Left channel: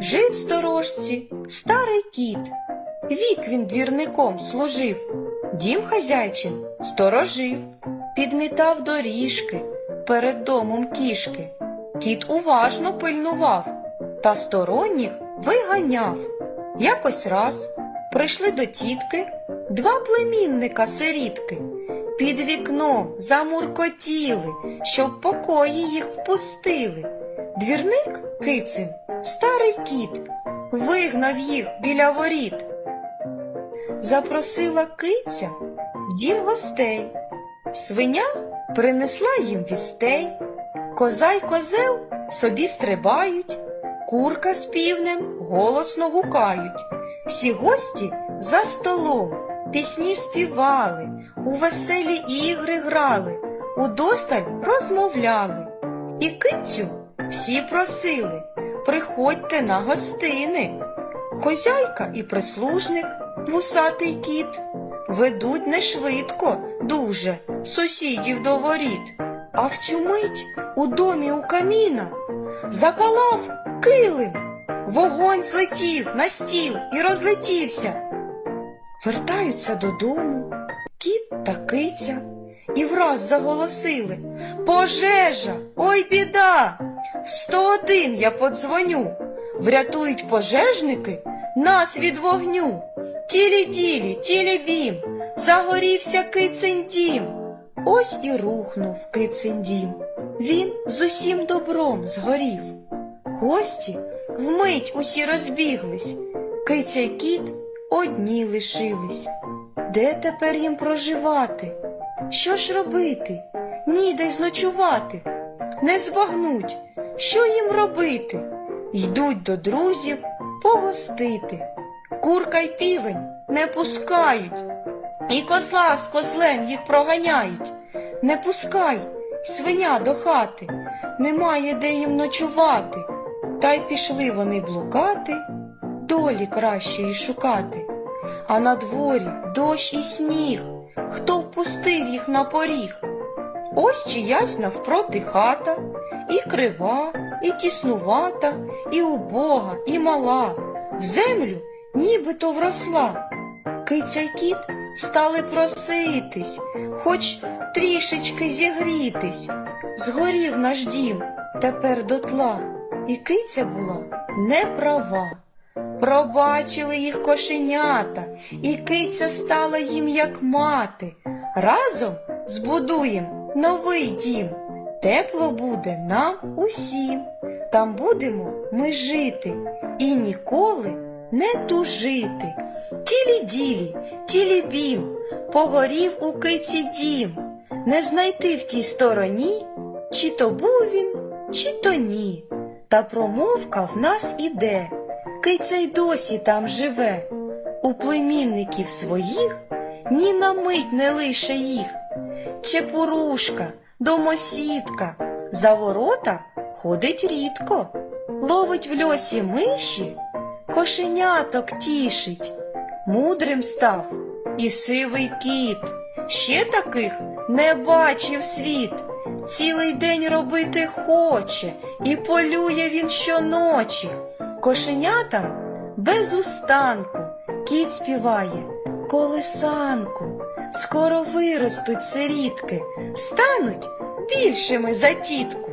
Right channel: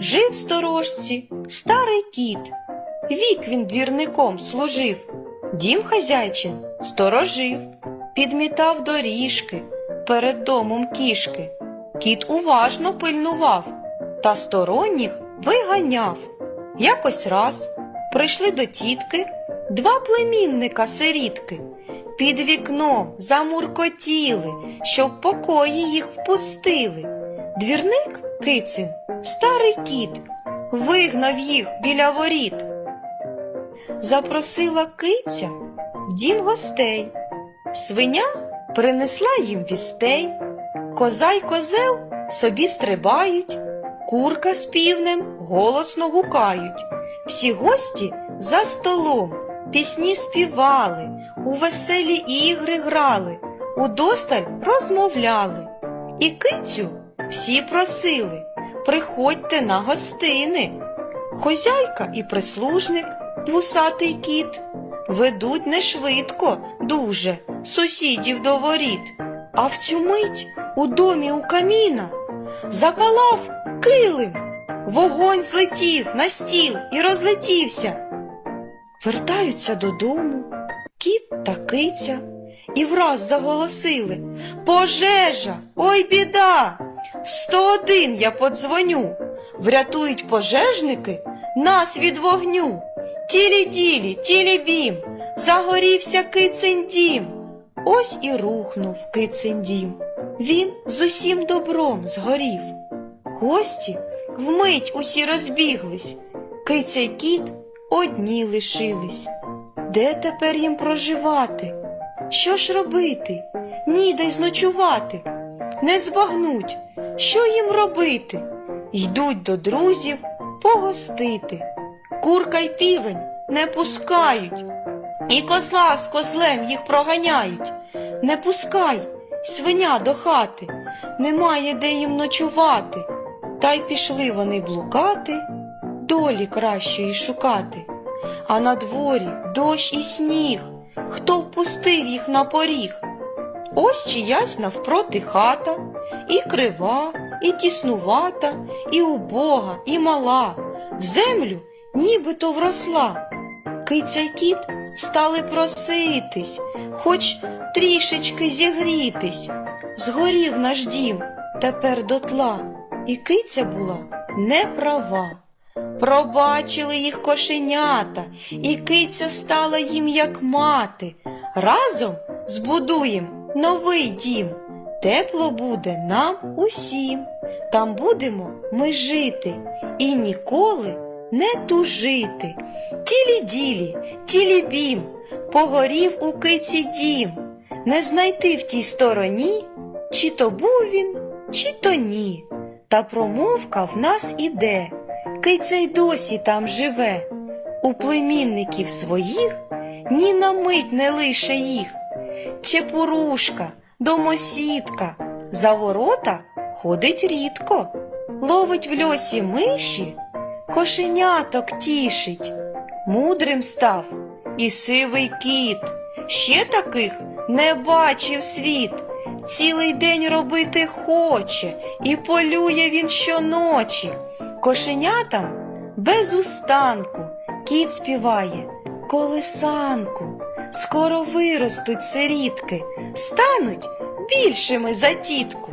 Жив в сторожці старий кіт. Вік він двірником служив, дім хазяйчин сторожив, підмітав доріжки перед домом кішки. Кіт уважно пильнував та сторонніх виганяв. Якось раз прийшли до тітки два племінника сирітки. Під вікном замуркотіли, що в покої їх впустили. Двірник кицин, старий кіт, вигнав їх біля воріт. Запросила киця в дім гостей. Свиня принесла їм вістей. Коза й козел собі стрибають, курка з півнем голосно гукають. Всі гості за столом пісні співали, у веселі ігри грали, удосталь розмовляли. І кицю всі просили, приходьте на гостини. Хозяйка і прислужник, вусатий кіт, ведуть не швидко, дуже сусідів до воріт. А в цю мить у домі у каміна запалав килим. Вогонь злетів на стіл і розлетівся. Вертаються додому кіт та киця і враз заголосили Пожежа! Ой біда! В 101 я подзвоню. Врятують пожежники нас від вогню. Тілі-ділі, тілі-бім, загорівся кицин дім. Ось і рухнув кицин дім. Він з усім добром згорів. Гості вмить усі розбіглись, киця й кіт одні лишились. Де тепер їм проживати? Що ж робити? Ніде зночувати. Не збагнуть, що їм робити. Йдуть до друзів погостити. Курка й півень не пускають, і козла з козлем їх проганяють. Не пускай, свиня до хати, немає де їм ночувати. Та й пішли вони блукати, долі кращої шукати. А на дворі дощ і сніг, хто впустив їх на поріг? Ось чиясь навпроти хата, і крива, і тіснувата, і убога, і мала, в землю нібито вросла. Киця й кіт стали проситись, хоч трішечки зігрітись. Згорів наш дім тепер дотла, і киця була не права. Пробачили їх кошенята, і киця стала їм як мати. Разом збудуєм новий дім. Тепло буде нам усім. Там будемо ми жити і ніколи не тужити. Тілі-ділі, тілі-бім, погорів у киці дім. Не знайти в тій стороні, чи то був він, чи то ні. Та промовка в нас іде. Киця й досі там живе. У племінників своїх ні на мить не лише їх. Чепурушка, домосідка, за ворота ходить рідко, ловить в льосі миші, кошеняток тішить. Мудрим став і сивий кіт. Ще таких не бачив світ. Цілий день робити хоче, і полює він щоночі. Кошенятам без устанку кіт співає колисанку. Скоро виростуть сирітки, стануть більшими за тітку.